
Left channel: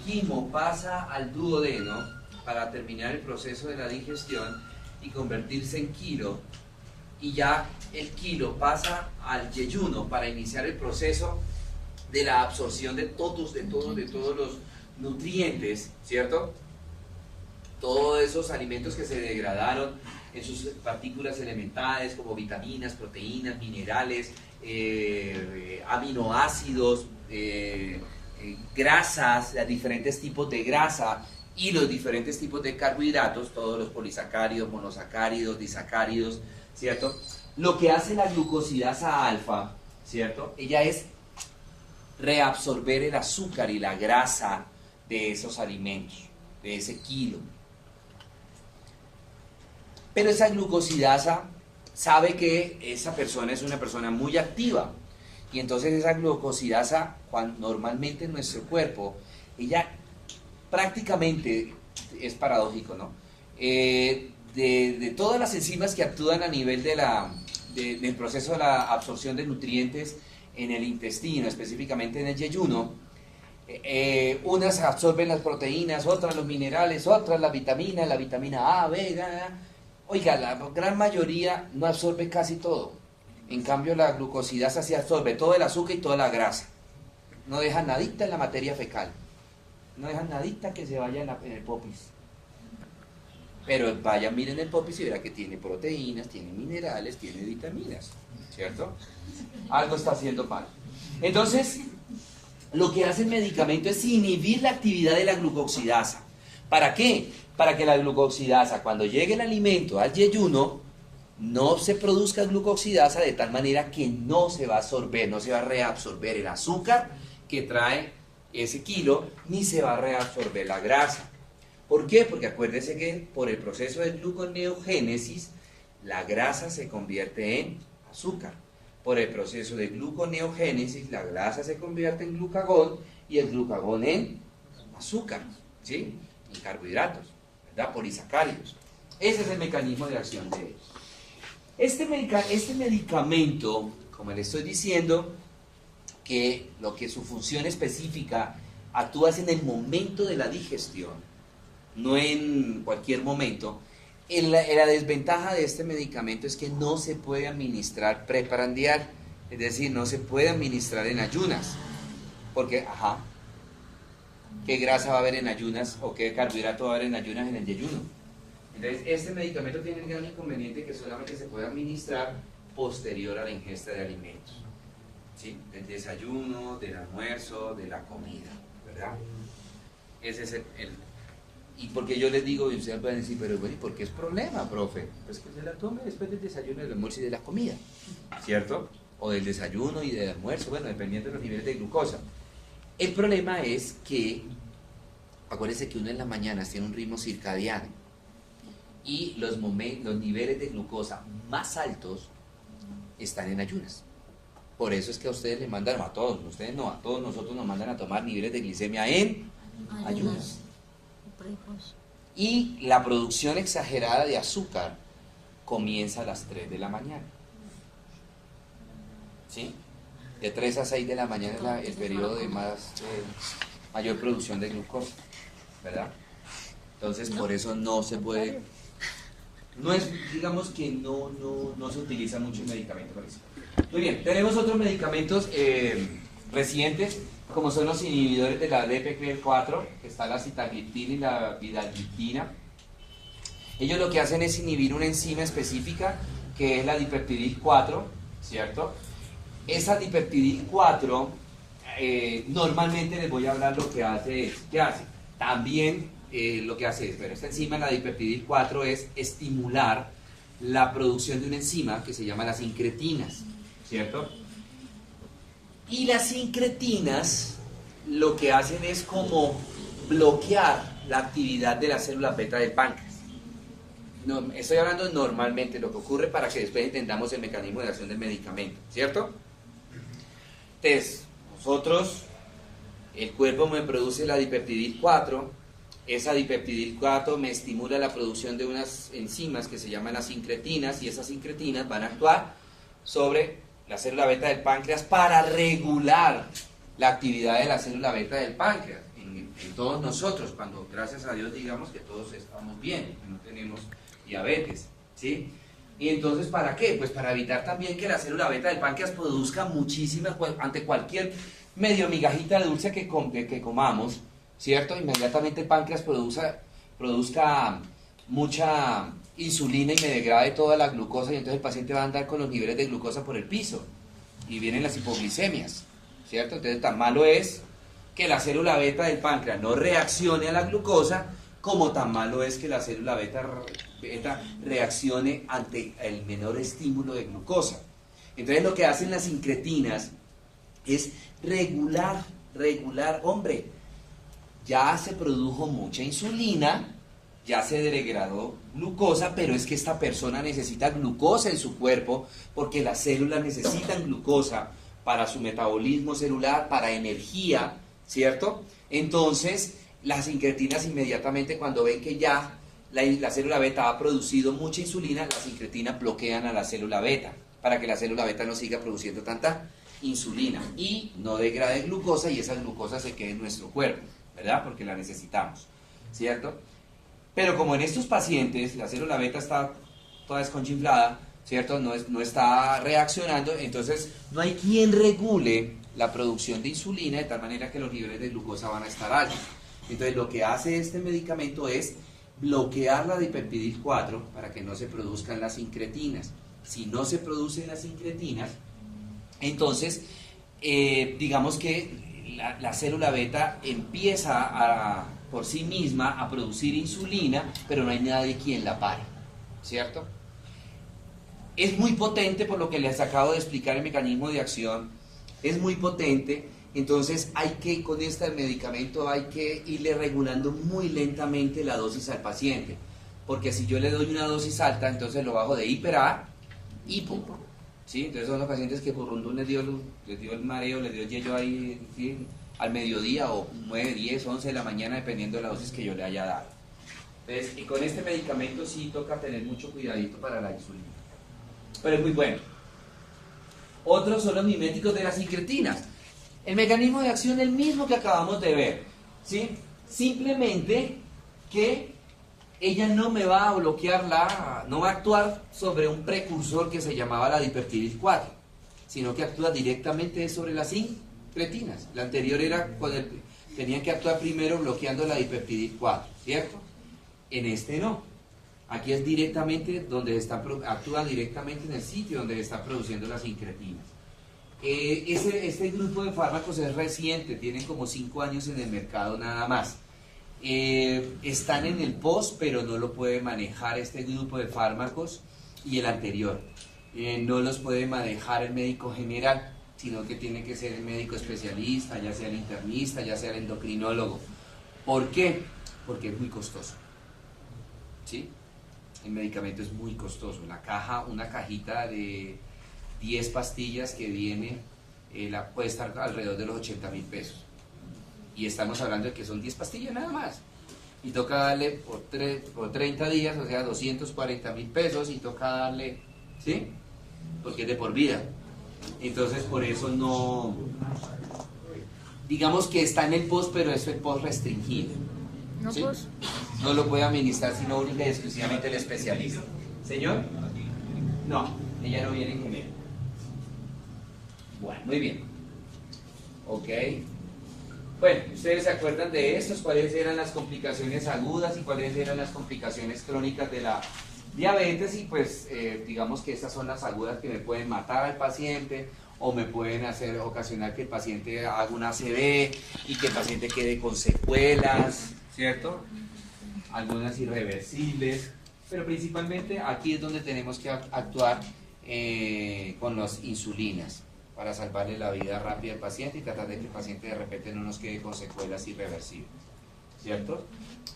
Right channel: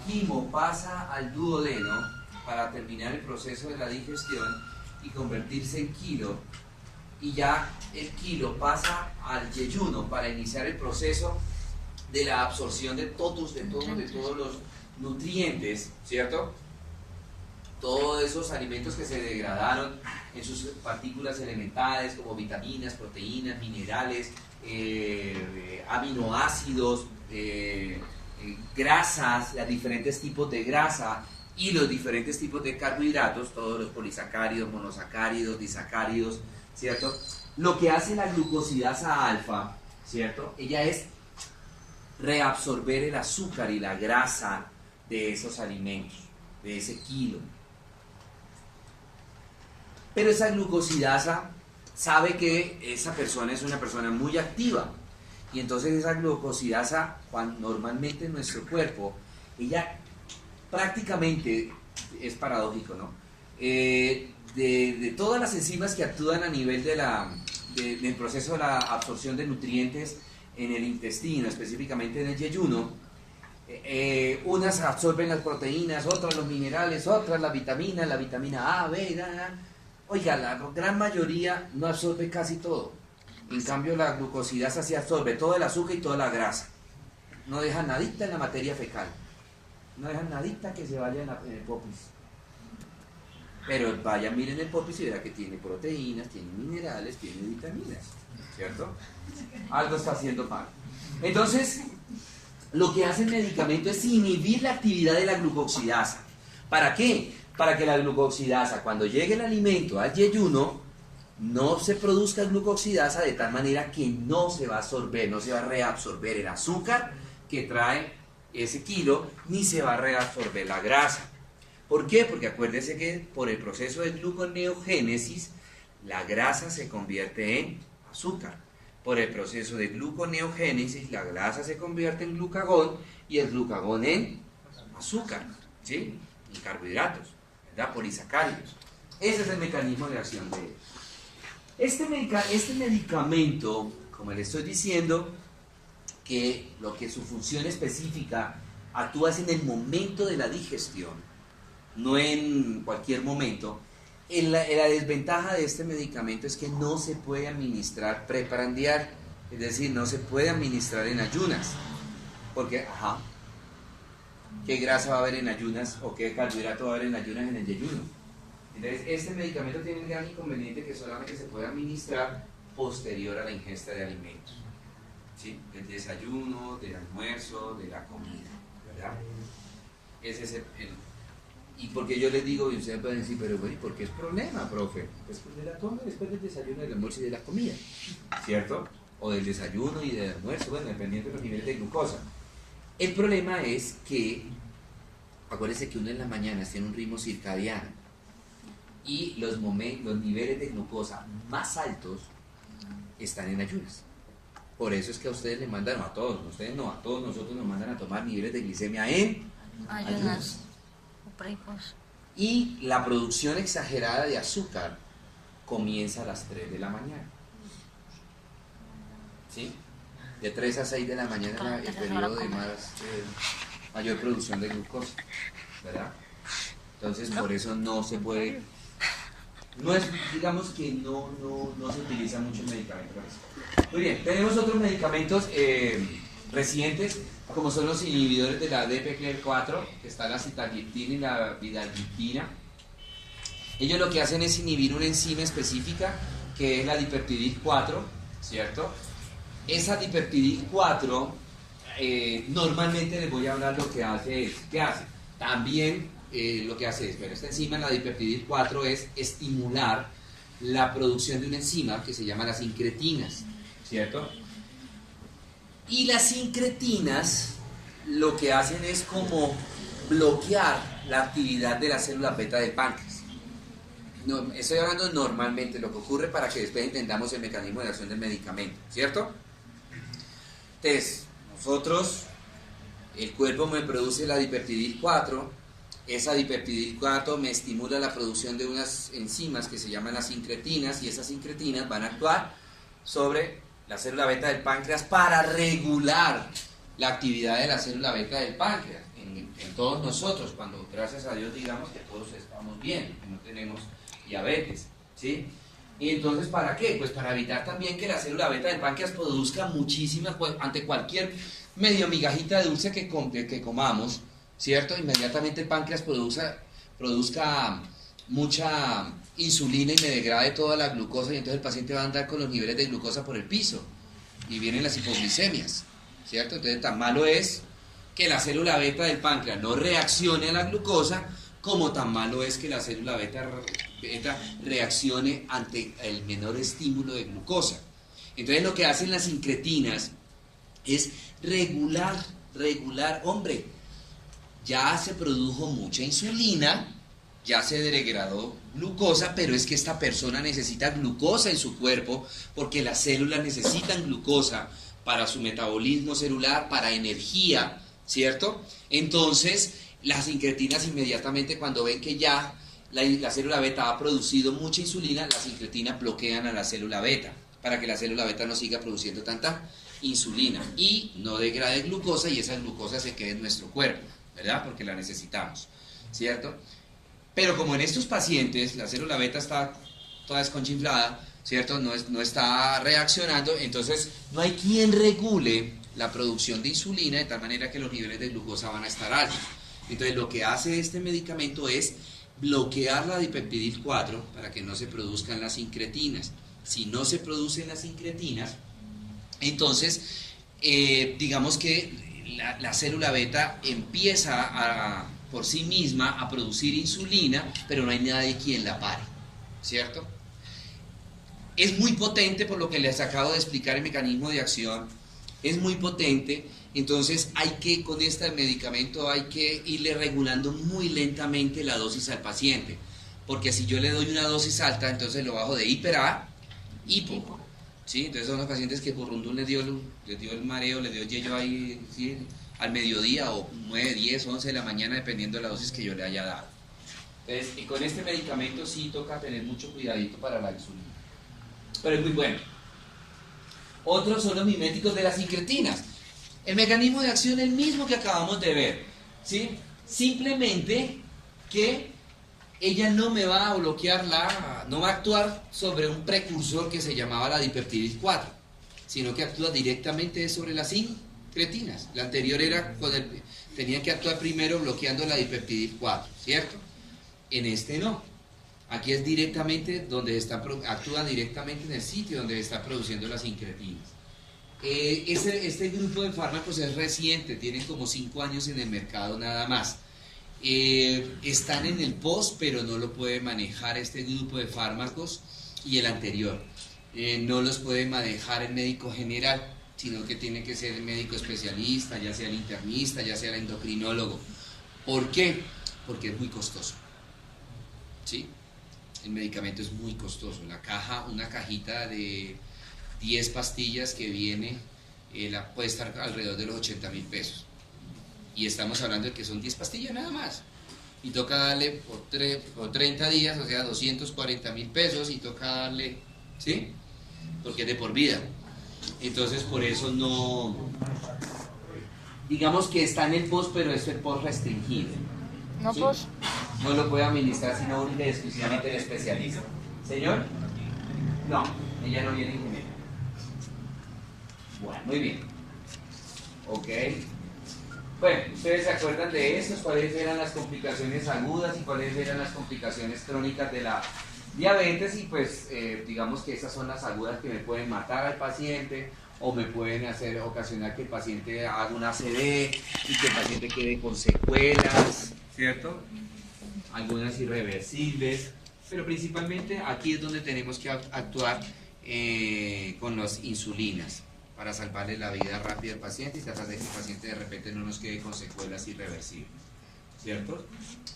quimo pasa al duodeno para terminar el proceso de la digestión y convertirse en kilo, y ya el kilo pasa al yeyuno para iniciar el proceso de la absorción de todos los nutrientes, ¿cierto? Todos esos alimentos que se degradaron en sus partículas elementales como vitaminas, proteínas, minerales, aminoácidos, grasas, los diferentes tipos de grasa y los diferentes tipos de carbohidratos, todos los polisacáridos, monosacáridos, disacáridos, ¿cierto? Lo que hace la glucosidasa alfa, ¿cierto? Ella es reabsorber el azúcar y la grasa de esos alimentos, de ese kilo. Pero esa glucosidasa sabe que esa persona es una persona muy activa y entonces esa glucosidasa, normalmente en nuestro cuerpo, ella prácticamente, es paradójico, ¿no? De todas las enzimas que actúan a nivel del proceso de la absorción de nutrientes en el intestino, específicamente en el yeyuno, unas absorben las proteínas, otras los minerales, otras la vitamina A, B, Oiga, la gran mayoría no absorbe casi todo. En cambio, la glucosidasa sí absorbe todo el azúcar y toda la grasa. No deja nadita en la materia fecal. No deja nadita que se vaya en el popis. Pero vaya, miren el popis y verá que tiene proteínas, tiene minerales, tiene vitaminas. ¿Cierto? Algo está haciendo mal. Entonces, lo que hace el medicamento es inhibir la actividad de la glucosidasa. ¿Para qué? Para que la glucosidasa, cuando llegue el alimento al yeyuno, no se produzca glucosidasa de tal manera que no se va a absorber, no se va a reabsorber el azúcar que trae ese kilo, ni se va a reabsorber la grasa. ¿Por qué? Porque acuérdense que por el proceso de gluconeogénesis, la grasa se convierte en azúcar. Por el proceso de gluconeogénesis, la grasa se convierte en glucagón y el glucagón en azúcar, ¿sí? Y carbohidratos, ¿verdad? Polisacáridos. Ese es el mecanismo de acción de él. Este medicamento, como le estoy diciendo, que su función específica actúa en el momento de la digestión, no en cualquier momento. La desventaja de este medicamento es que no se puede administrar preprandial, es decir, no se puede administrar en ayunas, porque, ¿qué grasa va a haber en ayunas o qué carbohidrato va a haber en ayunas en el yeyuno? Entonces, este medicamento tiene el gran inconveniente que solamente se puede administrar posterior a la ingesta de alimentos, ¿sí? Del desayuno, del almuerzo, de la comida, ¿verdad? Ese es y porque yo les digo, y ustedes pueden decir, pero bueno, ¿y por qué es problema, profe? Pues que se la tome después del desayuno, del almuerzo y de la comida, ¿cierto? O del desayuno y del almuerzo, bueno, dependiendo de los niveles de glucosa. El problema es que, acuérdense que uno en las mañanas tiene un ritmo circadiano y los niveles de glucosa más altos están en ayunas. Por eso es que a ustedes les mandan, a todos nosotros nos mandan a tomar niveles de glicemia en ayunas. Y la producción exagerada de azúcar comienza a las 3 de la mañana. ¿Sí? De 3 a 6 de la mañana es el periodo de mayor producción de glucosa, ¿verdad? Entonces, por eso no se puede, digamos que no se utiliza mucho el medicamento para eso. Muy bien, tenemos otros medicamentos recientes, como son los inhibidores de la DPCL4, que está la sitagliptina y la vidagliptina. Ellos lo que hacen es inhibir una enzima específica, que es la dipeptidil 4, ¿cierto? Esa dipeptidil 4, normalmente les voy a hablar lo que hace es, ¿qué hace? También lo que hace es, pero esta enzima, la dipeptidil 4, es estimular la producción de una enzima que se llama las incretinas, ¿cierto? Y las incretinas lo que hacen es como bloquear la actividad de las células beta del páncreas. No, estoy hablando normalmente, lo que ocurre para que después entendamos el mecanismo de acción del medicamento, ¿cierto? Entonces, nosotros, el cuerpo me produce la dipeptidil 4, esa dipeptidil 4 me estimula la producción de unas enzimas que se llaman las incretinas, y esas incretinas van a actuar sobre la célula beta del páncreas para regular la actividad de la célula beta del páncreas en todos nosotros, cuando gracias a Dios digamos que todos estamos bien, que no tenemos diabetes, ¿sí? Y entonces, ¿para qué? Pues para evitar también que la célula beta del páncreas produzca muchísimas, pues, ante cualquier medio migajita de dulce que comamos, ¿cierto? Inmediatamente el páncreas produzca mucha insulina y me degrade toda la glucosa, y entonces el paciente va a andar con los niveles de glucosa por el piso y vienen las hipoglicemias, ¿cierto? Entonces tan malo es que la célula beta del páncreas no reaccione a la glucosa, como tan malo es que la célula beta reaccione ante el menor estímulo de glucosa. Entonces lo que hacen las incretinas es regular, hombre, ya se produjo mucha insulina, ya se degradó glucosa, pero es que esta persona necesita glucosa en su cuerpo, porque las células necesitan glucosa para su metabolismo celular, para energía, ¿cierto? Entonces, las incretinas inmediatamente, cuando ven que ya la célula beta ha producido mucha insulina, las incretinas bloquean a la célula beta, para que la célula beta no siga produciendo tanta insulina y no degrade glucosa, y esa glucosa se quede en nuestro cuerpo, ¿verdad? Porque la necesitamos, ¿cierto? Pero como en estos pacientes la célula beta está toda desconchinflada, ¿cierto? No está reaccionando, entonces no hay quien regule la producción de insulina de tal manera que los niveles de glucosa van a estar altos. Entonces lo que hace este medicamento es bloquear la dipeptidil 4 para que no se produzcan las incretinas. Si no se producen las incretinas, entonces digamos que la célula beta empieza por sí misma a producir insulina, pero no hay nadie quien la pare, ¿cierto? Es muy potente, por lo que les acabo de explicar el mecanismo de acción, es muy potente. Entonces con este medicamento hay que irle regulando muy lentamente la dosis al paciente, porque si yo le doy una dosis alta, entonces lo bajo de hiper a hipo, ¿sí? Entonces son los pacientes que por rondún les dio el mareo, les dio yello ahí, ¿sí? Al mediodía o 9, 10, 11 de la mañana, dependiendo de la dosis que yo le haya dado. Entonces, y con este medicamento sí toca tener mucho cuidadito para la insulina, pero es muy bueno. Otros son los miméticos de las incretinas. El mecanismo de acción es el mismo que acabamos de ver, ¿sí? Simplemente que ella no me va a bloquear no va a actuar sobre un precursor que se llamaba la dipeptidil 4, sino que actúa directamente sobre las incretinas. La anterior era tenían que actuar primero bloqueando la dipeptidil 4, ¿cierto? En este no. Aquí es directamente actúa directamente en el sitio donde se están produciendo las incretinas. Este grupo de fármacos es reciente, tienen como 5 años en el mercado nada más. Están en el POS, pero no lo puede manejar este grupo de fármacos, y el anterior. No los puede manejar el médico general, sino que tiene que ser el médico especialista, ya sea el internista, ya sea el endocrinólogo. ¿Por qué? Porque es muy costoso, ¿sí? El medicamento es muy costoso. Una cajita de 10 pastillas que viene, puede estar alrededor de los 80.000 pesos. Y estamos hablando de que son 10 pastillas nada más. Y toca darle por 30 días, o sea, 240.000 pesos, y toca darle, ¿sí? Porque es de por vida. Entonces, por eso no, digamos que está en el POS, pero es el POS restringido. No, ¿sí? POS. No lo puede administrar sino única y exclusivamente el especialista. ¿Señor? No, ella no viene en genérico. Bueno, muy bien. Ok. Bueno, ¿ustedes se acuerdan de esos? ¿Cuáles eran las complicaciones agudas y cuáles eran las complicaciones crónicas de la diabetes? Y pues digamos que esas son las agudas que me pueden matar al paciente, o me pueden ocasionar que el paciente haga una ACV y que el paciente quede con secuelas, ¿cierto? Algunas irreversibles, pero principalmente aquí es donde tenemos que actuar con las insulinas, para salvarle la vida rápida al paciente y tratar de que el paciente de repente no nos quede con secuelas irreversibles, ¿cierto?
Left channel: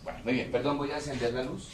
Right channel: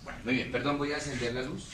Bueno, muy bien, perdón, voy a encender la luz.